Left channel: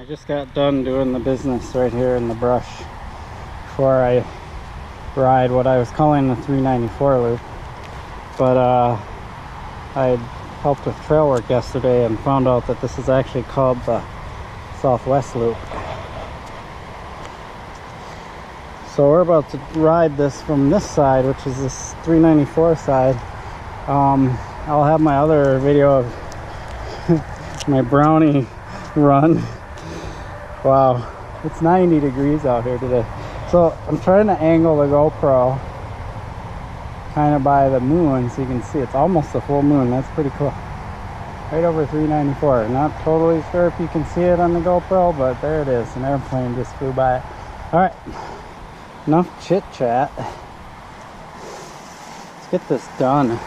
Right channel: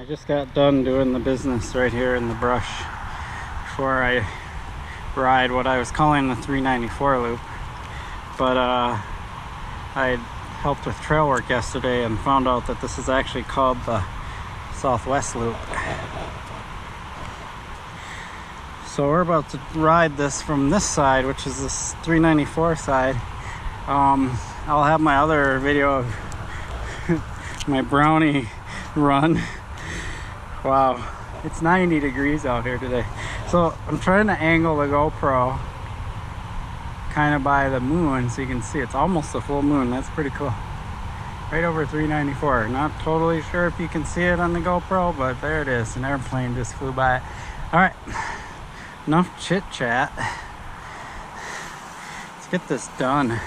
I just got done doing the business right here in the brush before I ride what I was calling the 394 loop. But I helped with trail work yesterday and found out that this is actually called the Southwest Loop. So we're about to ride this from this side, which is this 394 side. I'll have my other video of my brownie run. Wow, it's 90 degrees out here today. So I'm trying to angle the GoPro kind of by the moon so you can see it's almost a full moon. That's pretty cool. Right over 394. Not totally sure if you can see it on the GoPro, but there it is. An airplane just flew by it. All right, enough chit chat. Let's get this done.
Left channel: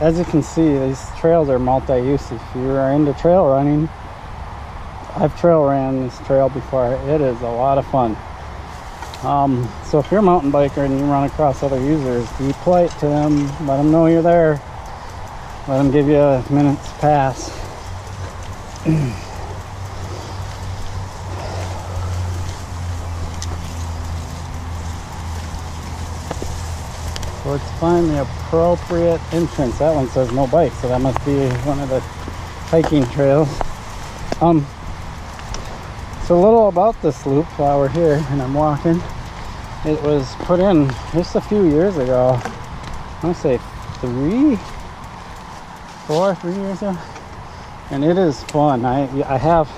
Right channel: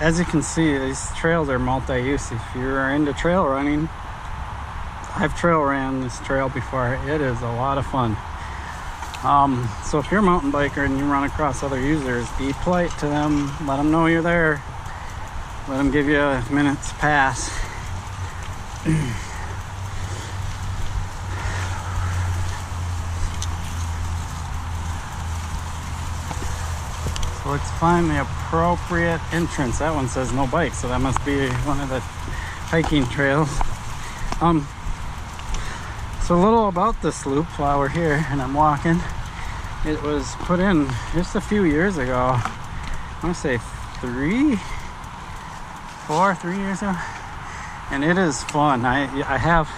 As you can see, these trails are multi-use. If you're into trail running, I've trail ran this trail before. It is a lot of fun. So if you're a mountain biker and you run across other users, be polite to them. Let them know you're there. Let them give you a minute's pass. So let's find the appropriate entrance. That one says no bike, so that must be one of the hiking trails. So a little about this loop while we're here and I'm walking. It was put in just a few years ago. I want to say 3 years ago. And it is fun. I have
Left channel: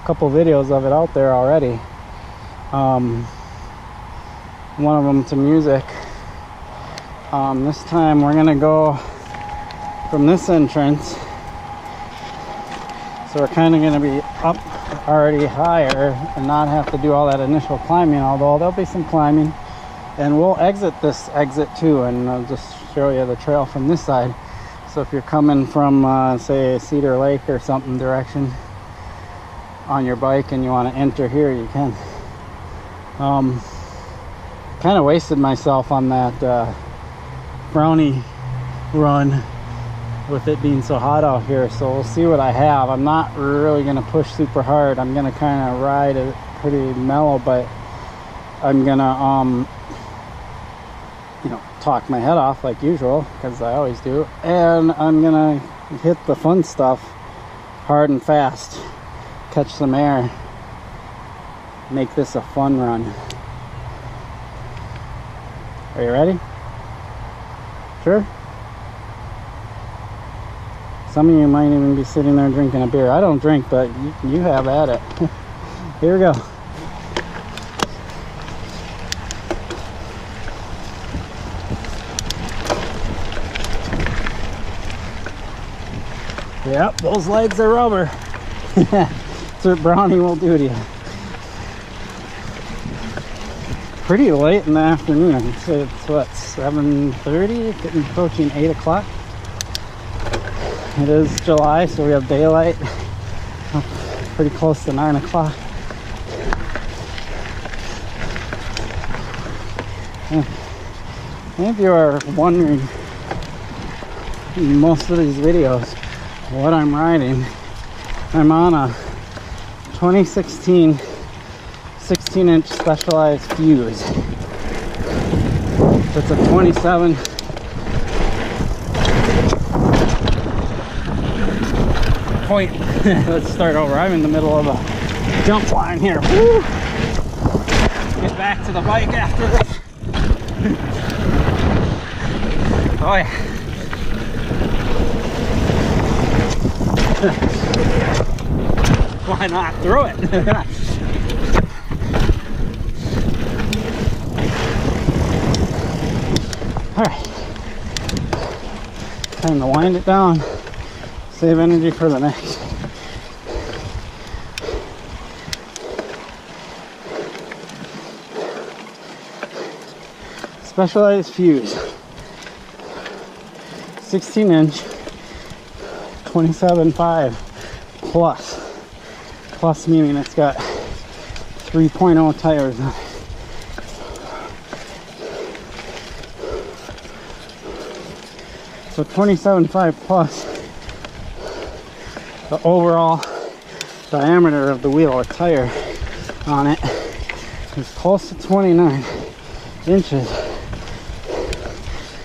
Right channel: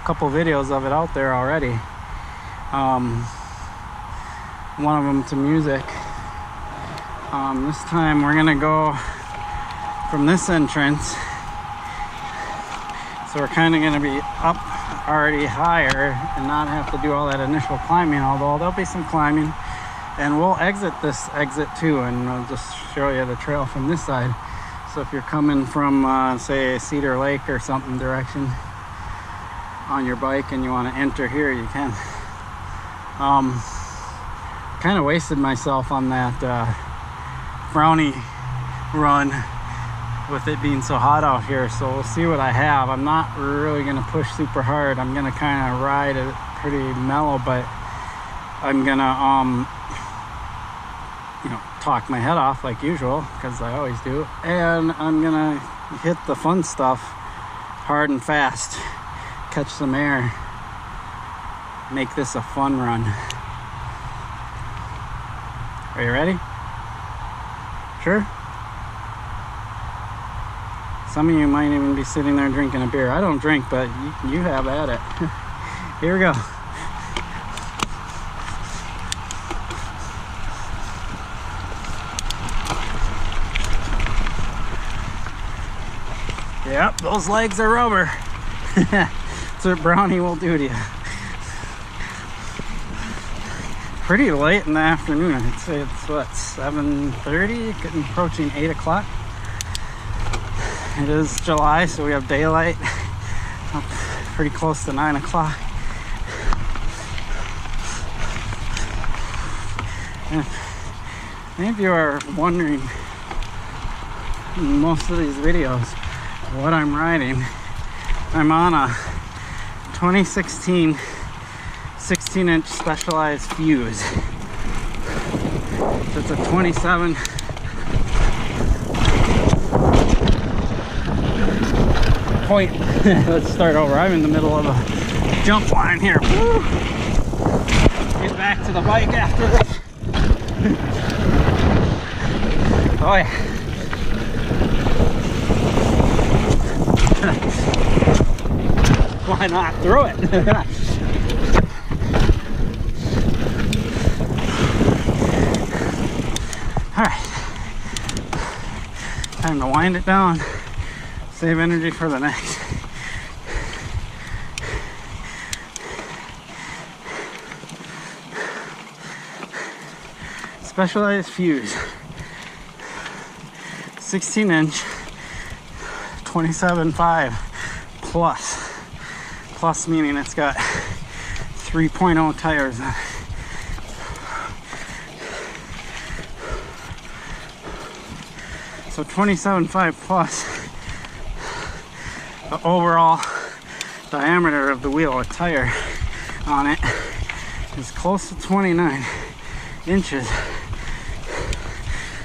a couple videos of it out there already. One of them to music. This time we're gonna go from this entrance, so we're kind of gonna be up already higher and not have to do all that initial climbing, although there'll be some climbing. And we'll exit this exit too, and I'll just show you the trail from this side. So if you're coming from say Cedar Lake or something direction on your bike and you want to enter here, you can. Kind of wasted myself on that brownie run with it being so hot out here, so we'll see what I have. I'm not really going to push super hard. I'm going to kind of ride it pretty mellow, but I'm going to you know, talk my head off like usual, because I always do, and I'm going to hit the fun stuff hard and fast, catch some air, make this a fun run. Are you ready? Sure? Some of you might even be sitting there drinking a beer. I don't drink, but you have at it. Here we go. Yep, those legs are rubber. That's what brownie will do to you. Pretty late in the afternoon. I'd say it's what, 7:30, getting approaching 8 o'clock. It is July, so we have daylight up pretty close to 9 o'clock. Many of you are wondering in most of these videos what I'm riding. I'm on a 2016 16-inch Specialized Fuze. So it's a 27 point. Let's start over. I'm in the middle of a jump line here. Woo! Get back to the bike after this. Oh yeah. Why not throw it? All right, time to wind it down, save energy for the next. Specialized Fuze, 16-inch, 27.5 plus meaning it's got 3.0 tires on it. So 27.5 plus the overall diameter of the wheel, a tire on it, is close to 29 inches.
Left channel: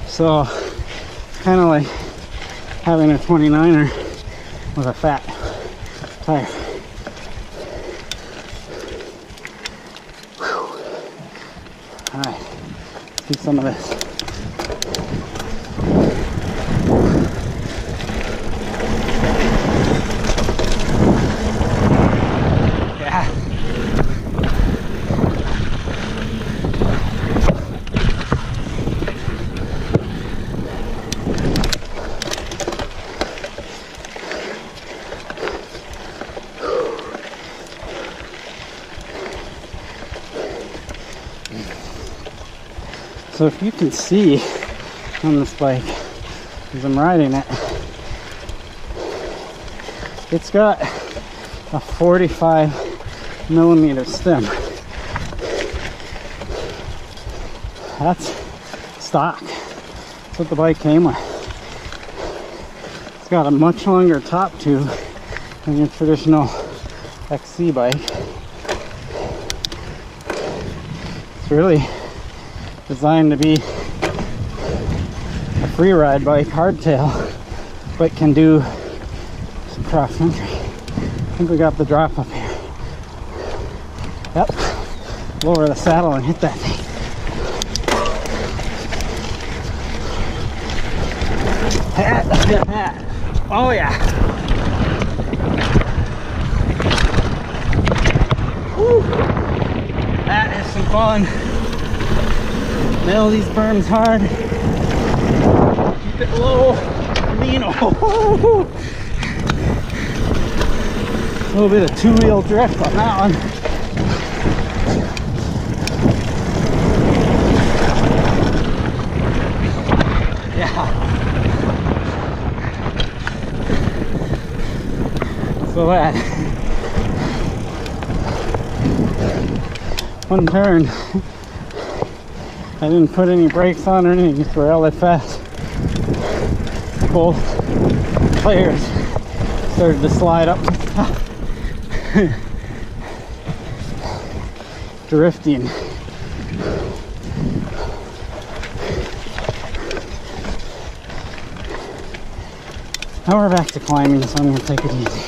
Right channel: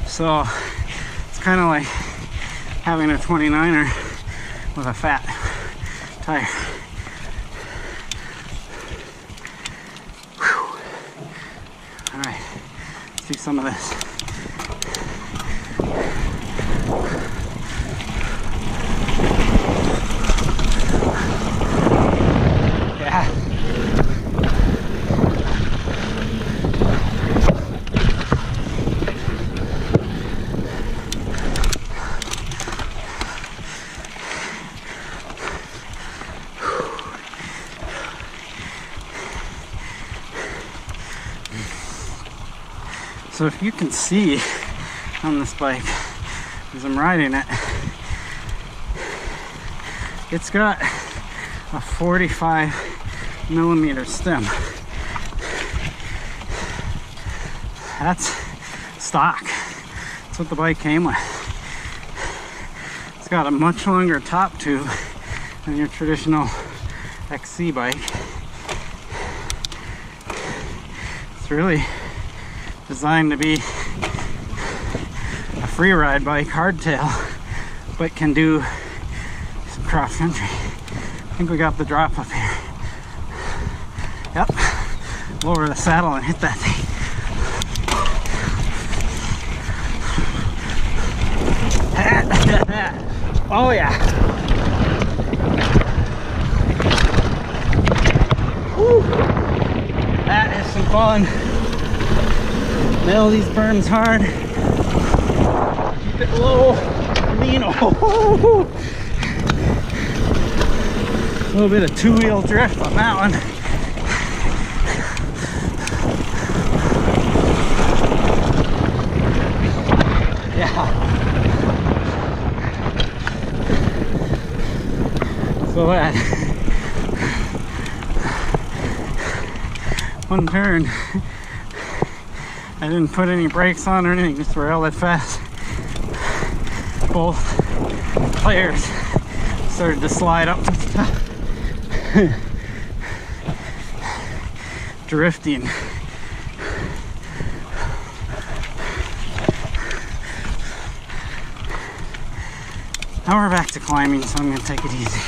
So it's kind of like having a 29er with a fat tire. All right, let's do some of this. So if you can see on this bike as I'm riding it, it's got a 45 millimeter stem. That's stock. That's what the bike came with. It's got a much longer top tube than your traditional XC bike. It's really designed to be a free ride bike, hardtail, but can do some cross country. I think we got the drop up here. Yep. Lower the saddle and hit that thing. Oh yeah. Woo. That is some fun. Nail these berms hard. Keep it low. Lean. Oh. A little bit of two-wheel drift on that one. Yeah. So that one turn, I didn't put any brakes on or anything, just railed it fast. Both players started to slide up the top. Drifting. Now we're back to climbing, so I'm going to take it easy.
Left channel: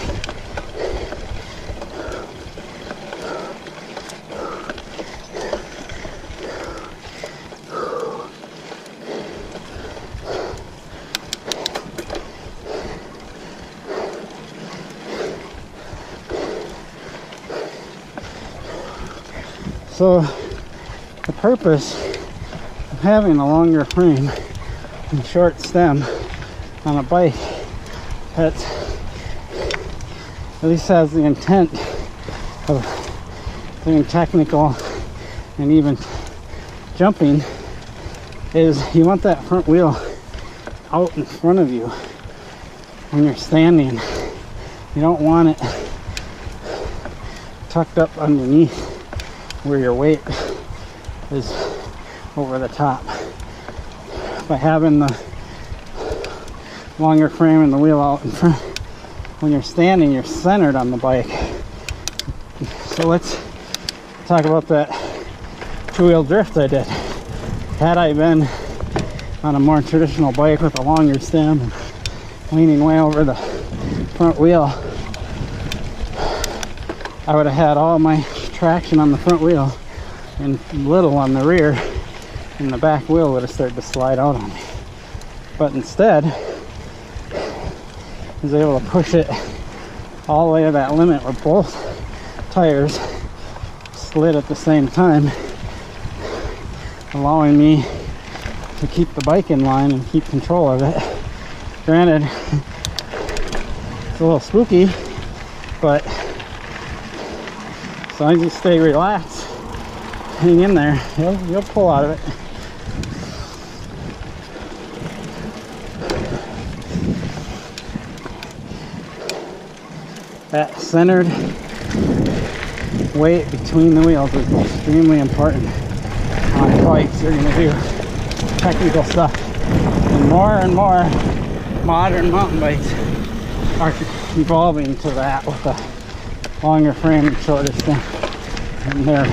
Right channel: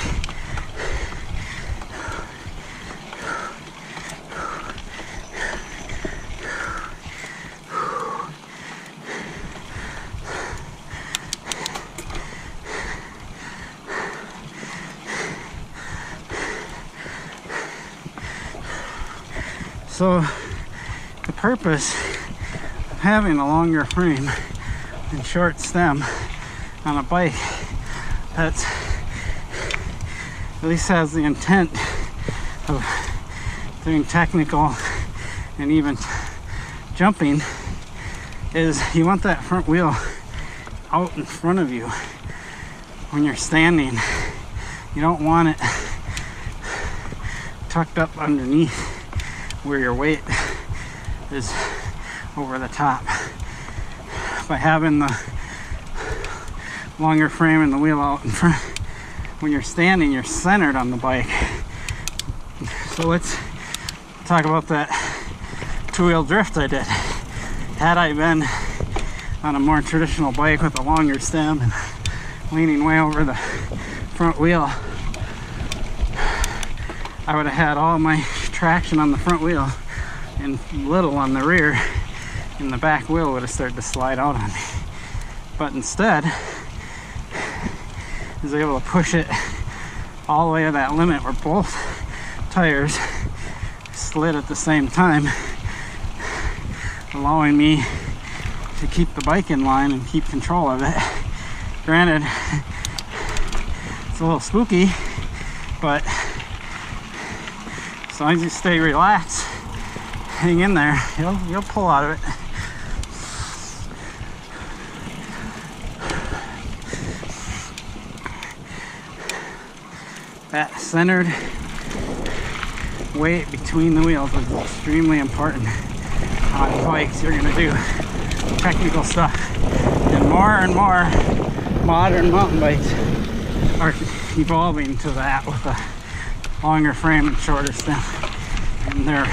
So the purpose of having a longer frame and short stem on a bike that at least has the intent of doing technical and even jumping is you want that front wheel out in front of you when you're standing. You don't want it tucked up underneath where your weight is over the top. By having the longer frame and the wheel out in front, when you're standing, you're centered on the bike. So let's talk about that two-wheel drift I did. Had I been on a more traditional bike with a longer stem and leaning way over the front wheel, I would have had all my traction on the front wheel and little on the rear, and the back wheel would have started to slide out on me. But instead, I was able to push it all the way to that limit where both tires slid at the same time, allowing me to keep the bike in line and keep control of it. Granted, it's a little spooky, but as long as you stay relaxed, hang in there, you'll pull out of it. That centered weight between the wheels is extremely important on bikes. You're going to do technical stuff, and more modern mountain bikes are evolving to that with a longer frame and shorter stem, and they're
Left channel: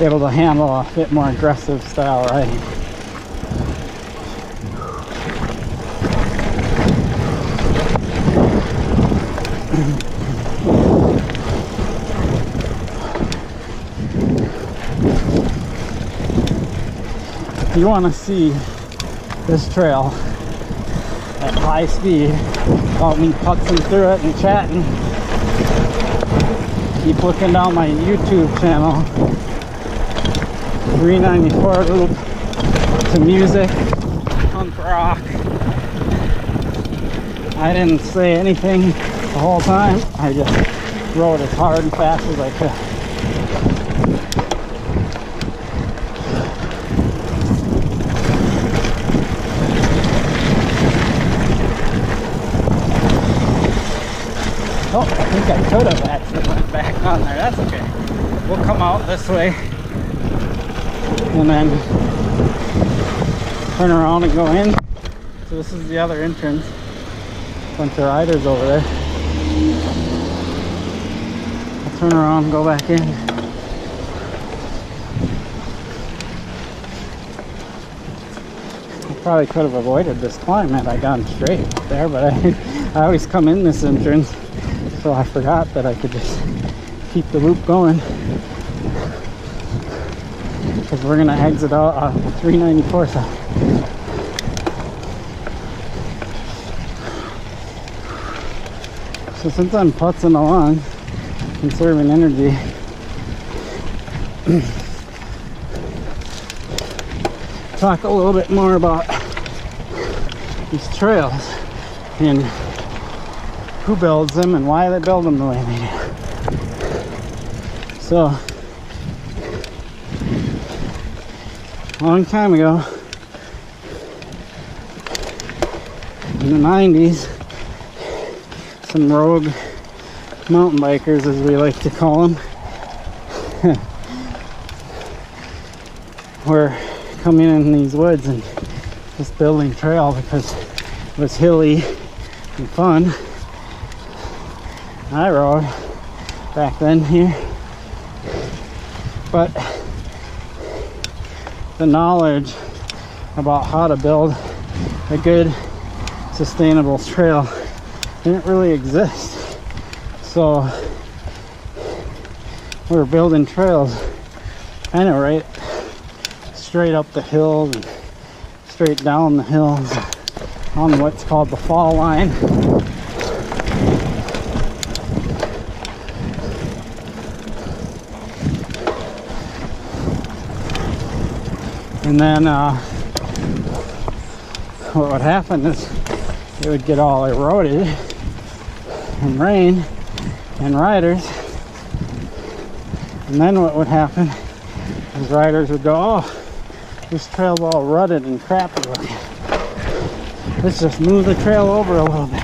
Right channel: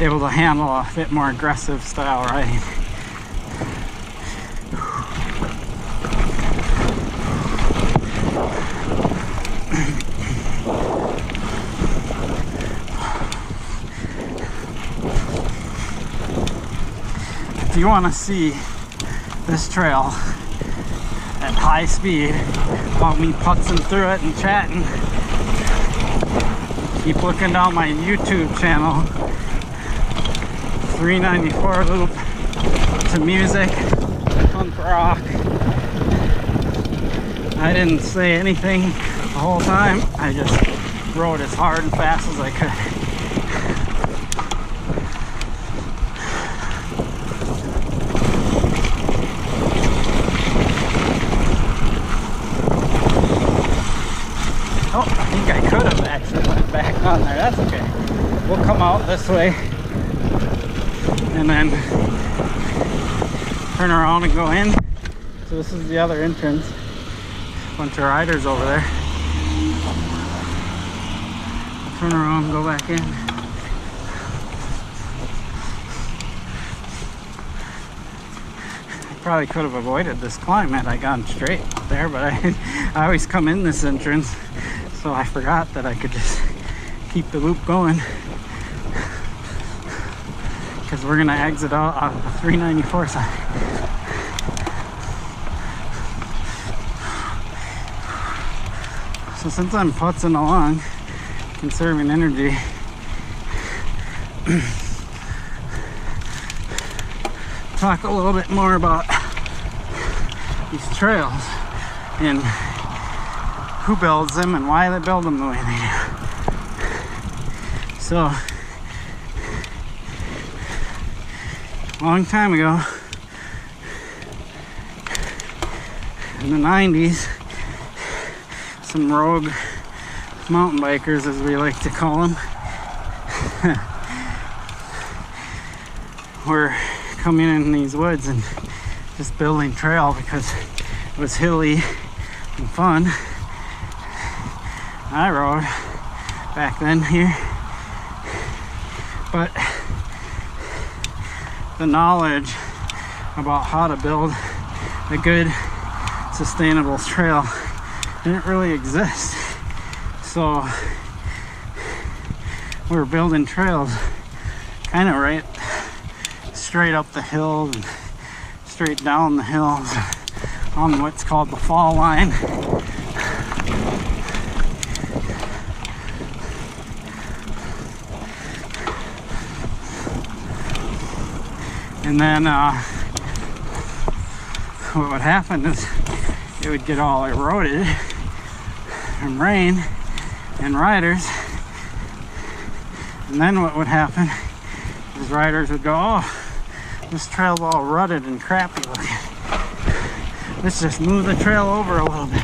able to handle a bit more aggressive style riding. If you want to see this trail at high speed without me putzing through it and chatting, keep looking down my YouTube channel. 394 loop to music, punk rock. I didn't say anything the whole time. I just rode as hard and fast as I could. Oh, I think I could have actually went back on there. That's okay. We'll come out this way and then turn around and go in. So this is the other entrance. Bunch of riders over there. I'll turn around and go back in. I probably could have avoided this climb had I gone straight there, but I always come in this entrance, so I forgot that I could just keep the loop going. Because we're gonna exit out on the 394 side. So since I'm putzing along, conserving energy, talk a little bit more about these trails and who builds them and why they build them the way they do. So a long time ago, in the 90s, some rogue mountain bikers, as we like to call them, were coming in these woods and just building trail because it was hilly and fun. I rode back then here, but the knowledge about how to build a good sustainable trail didn't really exist. So we were building trails kind of right straight up the hills and straight down the hills on what's called the fall line. And then what would happen is it would get all eroded from rain and riders. And then what would happen is riders would go, oh, this trail's all rutted and crappy looking. Let's just move the trail over a little bit.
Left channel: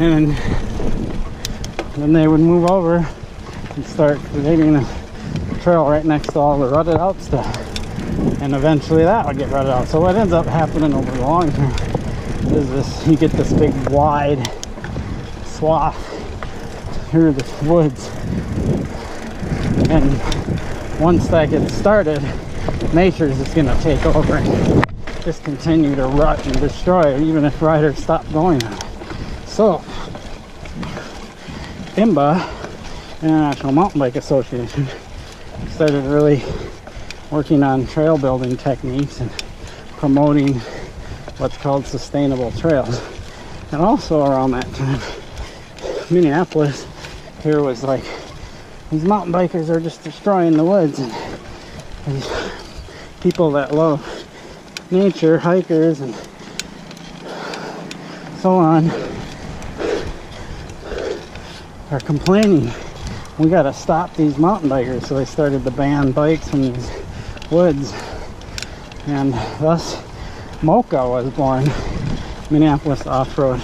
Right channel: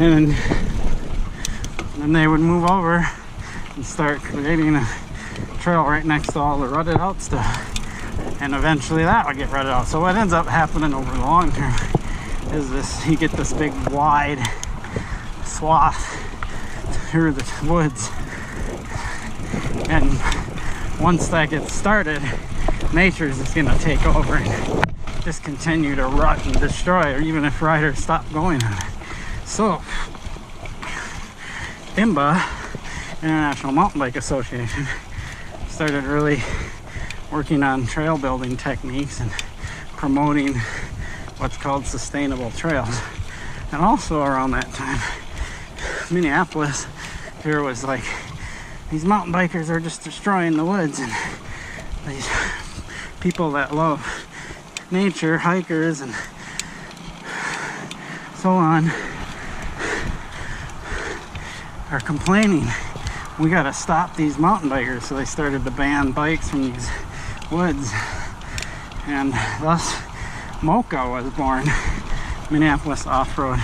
And then they would move over and start creating a trail right next to all the rutted out stuff, and eventually that would get rutted out. So what ends up happening over the long term is this: you get this big wide swath through the woods, and once that gets started, nature's just going to take over and just continue to rut and destroy, even if riders stop going on it. So IMBA, International Mountain Bike Association, started really working on trail building techniques and promoting what's called sustainable trails. And also around that time, Minneapolis here was like, these mountain bikers are just destroying the woods, and these people that love nature, hikers and so on, are complaining, we gotta stop these mountain bikers. So they started to ban bikes from these woods, and thus MOCA was born, Minneapolis Off-Road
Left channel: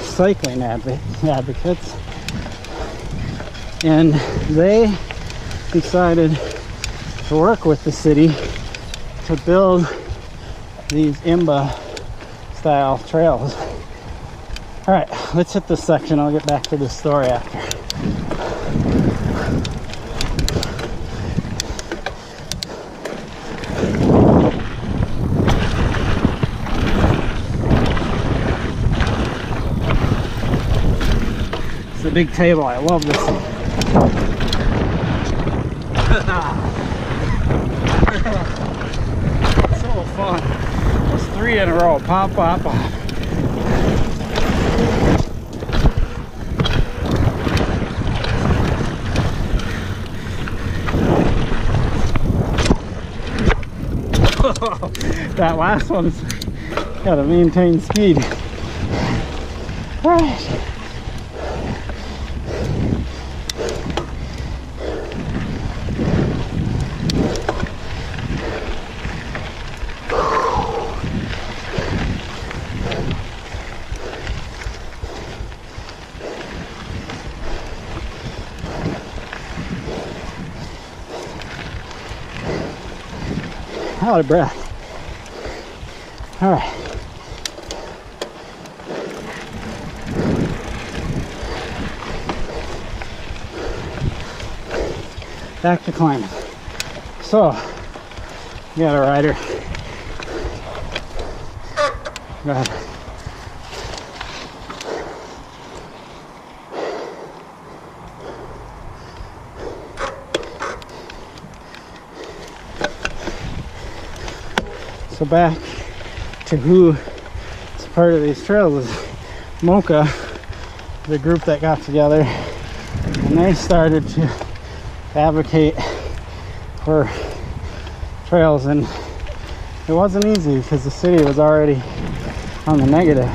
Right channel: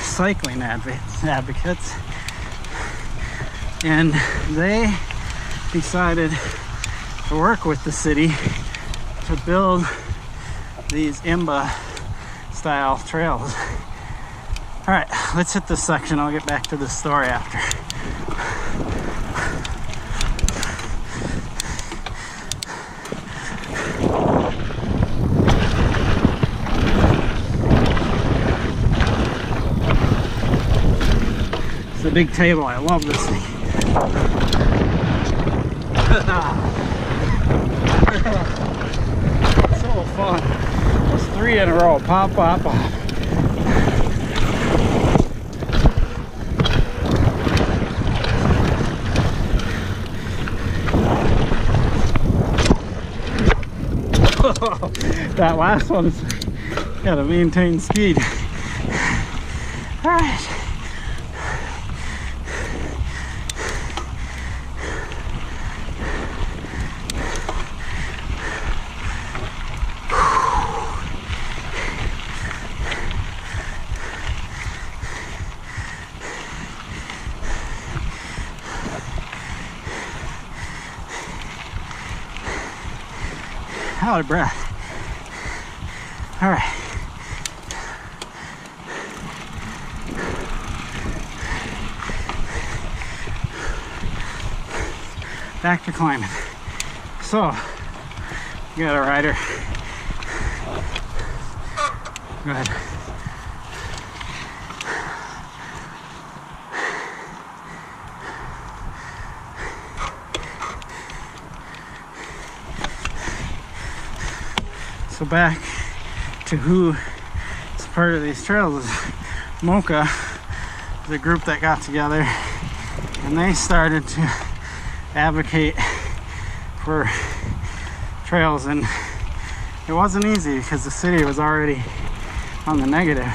Cycling Advocates. And they decided to work with the city to build these IMBA style trails. All right, let's hit this section. I'll get back to the story after. It's a big table. I love this thing. So fun. That's 3 in a row. Pop, pop, pop. That last one's gotta maintain speed. All right. Out of breath. All right. Back to climbing. So, you got a rider. Go ahead. So back to who is part of these trails is Mocha, the group that got together, and they started to advocate for trails, and it wasn't easy because the city was already on the negative,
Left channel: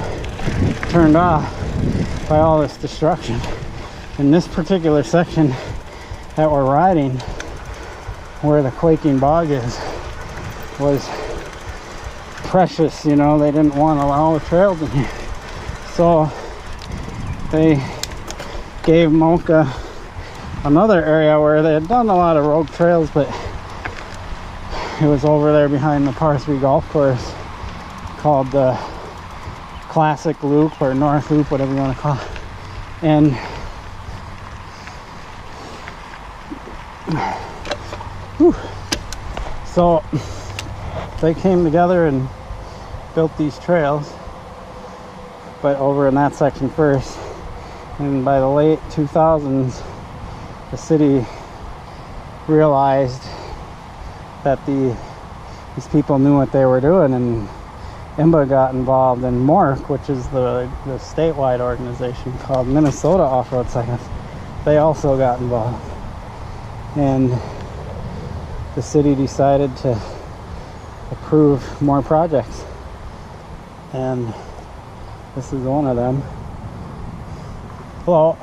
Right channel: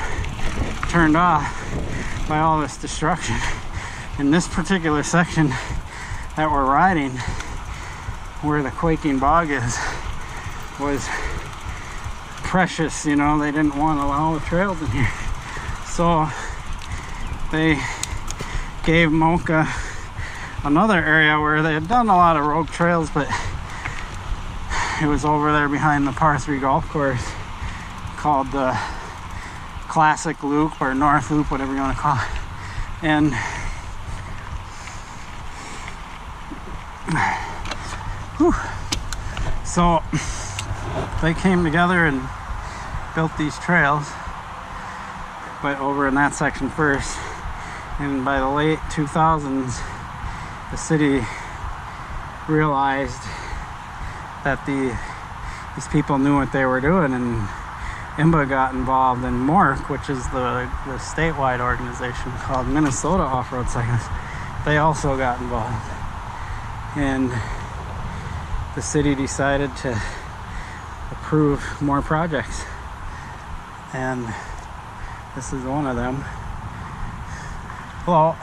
turned off by all this destruction. In this particular section that we're riding, where the quaking bog is, was precious, you know. They didn't want to allow the trails in here, so they gave Mocha another area where they had done a lot of rogue trails, but it was over there behind the par 3 golf course called the Classic Loop or North Loop, whatever you want to call it. And whew, so they came together and built these trails, but over in that section first. And by the late 2000s, the city realized that these people knew what they were doing, and IMBA got involved, and MORC, which is the statewide organization called Minnesota Off-Road Cyclists, they also got involved. And the city decided to approve more projects, and this is one of them. Well,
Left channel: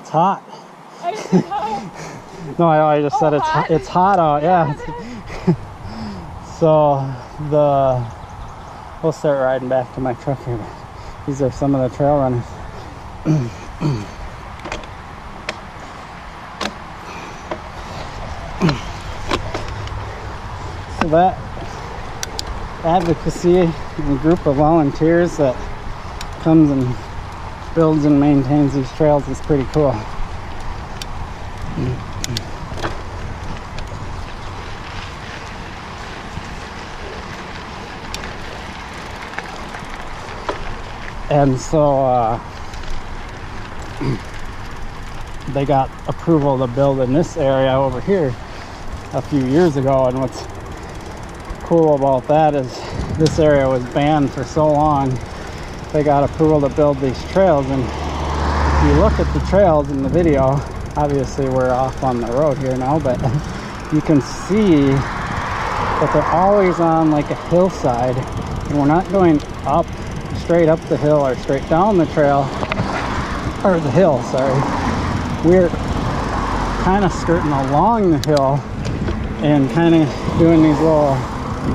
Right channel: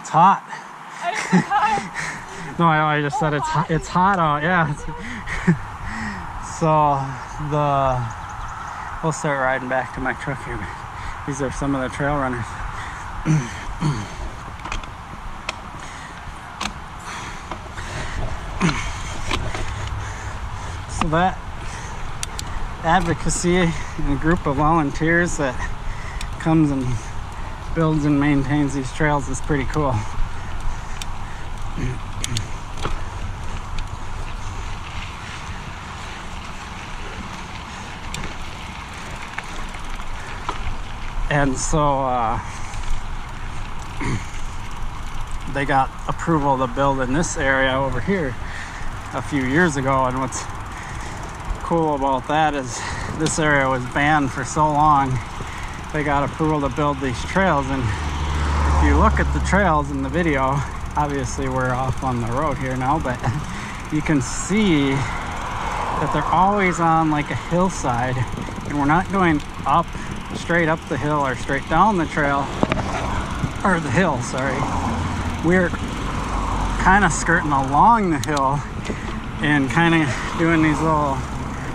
it's hot. I didn't say hi. No, I just said it's hot out. Yeah. So we'll start riding back to my truck here. These are some of the trail runners. So that advocacy and a group of volunteers that comes and builds and maintains these trails is pretty cool. And so they got approval to build in this area over here a few years ago, and what's cool about that is this area was banned for so long. They got approval to build these trails, and if you look at the trails in the video, obviously we're off on the road here now, but you can see that they're always on like a hillside, and we're not going up straight up the hill or straight down the trail, or the hill, sorry. We're kind of skirting along the hill and kind of doing these little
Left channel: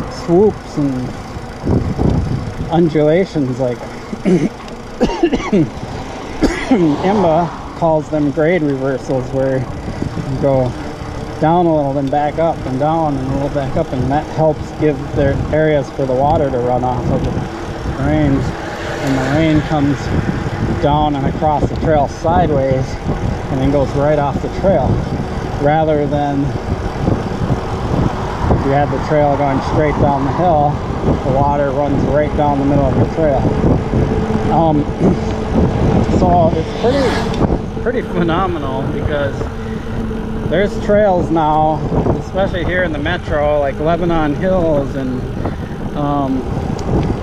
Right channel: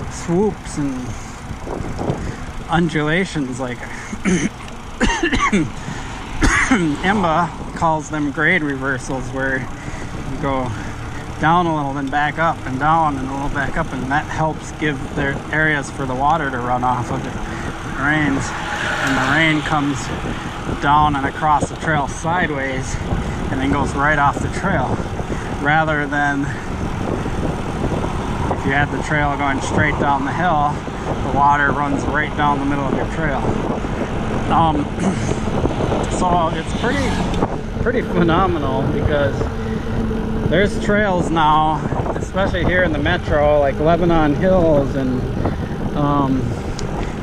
swoops and undulations like IMBA calls them grade reversals, where you go down a little, then back up, and down, and a little back up, and that helps give their areas for the water to run off of it rains. And the rain comes down and across the trail sideways and then goes right off the trail, rather than if you had the trail going straight down the hill, the water runs right down the middle of your trail. So it's pretty phenomenal, because there's trails now, especially here in the metro, like Lebanon Hills and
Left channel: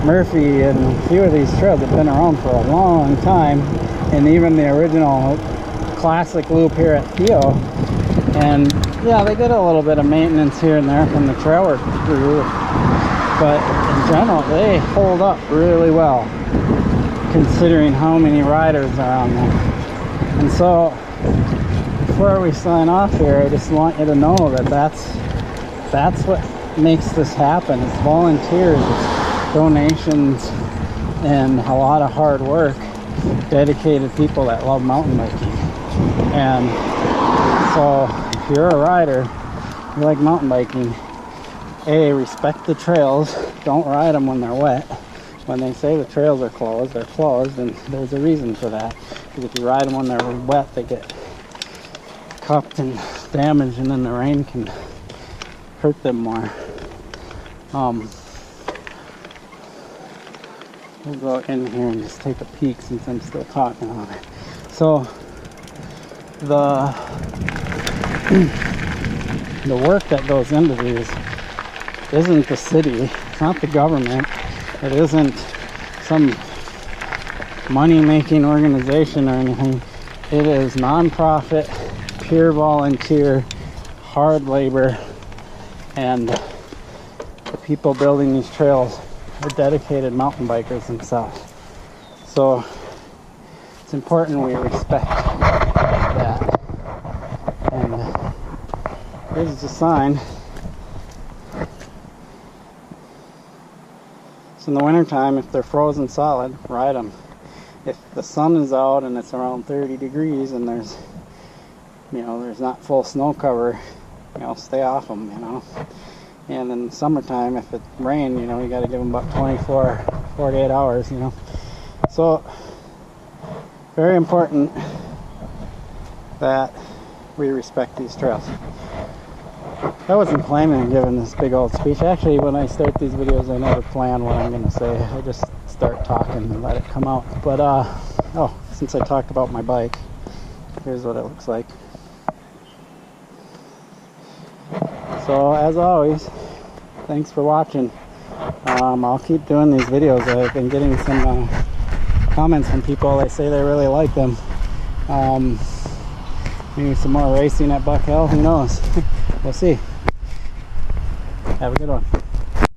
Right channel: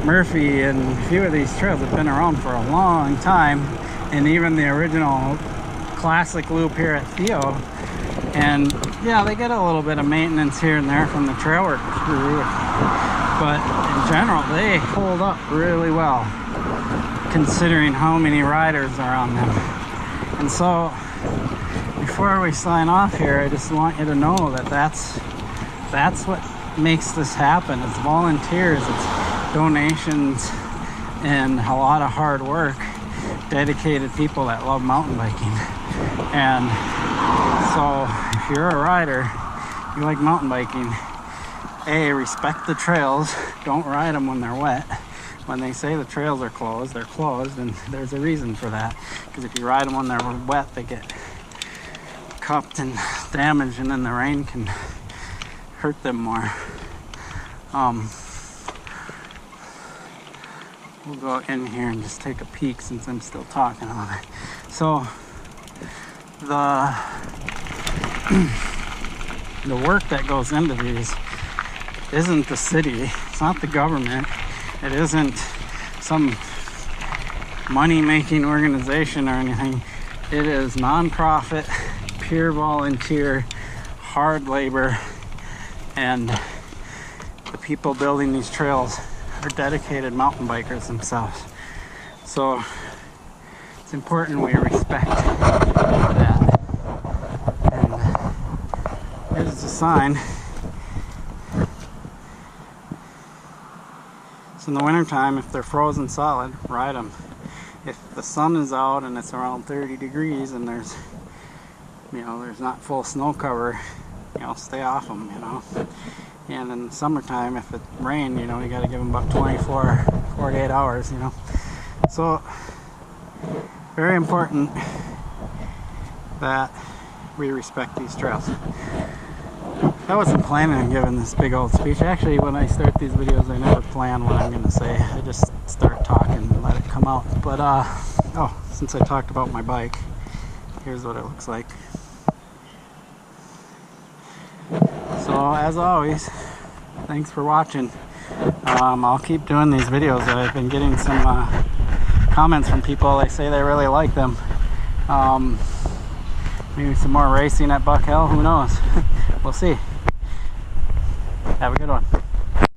Murphy, and a few of these trails have been around for a long time, and even the original classic loop here at Theo. And yeah, they get a little bit of maintenance here and there from the trail work crew, but in general they hold up really well considering how many riders are on them. And so before we sign off here, I just want you to know that that's what makes this happen. It's volunteers, it's donations, and a lot of hard work, dedicated people that love mountain biking. And so if you're a rider, you like mountain biking, respect the trails. Don't ride them when they're wet. When they say the trails are closed, they're closed, and there's a reason for that, because if you ride them when they're wet, they get cupped and damaged, and then the rain can hurt them more. We'll go in here and just take a peek since I'm still talking on it. So the work that goes into these isn't the city, it's not the government, it isn't some money-making organization or anything. It is non-profit, pure volunteer, hard labor, and the people building these trails are dedicated mountain bikers themselves. So it's important we respect that. And here's the sign. So in the wintertime, if they're frozen solid, ride them. If the sun is out and it's around 30 degrees and there's not full snow cover, stay off them, And in the summertime, if it rained, you got to give them about 24, 48 hours, So, very important that we respect these trails. I wasn't planning on giving this big old speech. Actually, when I start these videos, I never plan what I'm going to say. I just start talking and let it come out. But, since I talked about my bike, here's what it looks like. So, as always, thanks for watching. I'll keep doing these videos. I've been getting some comments from people. They say they really like them. Maybe some more racing at Buck Hill, who knows? We'll see. Have a good one.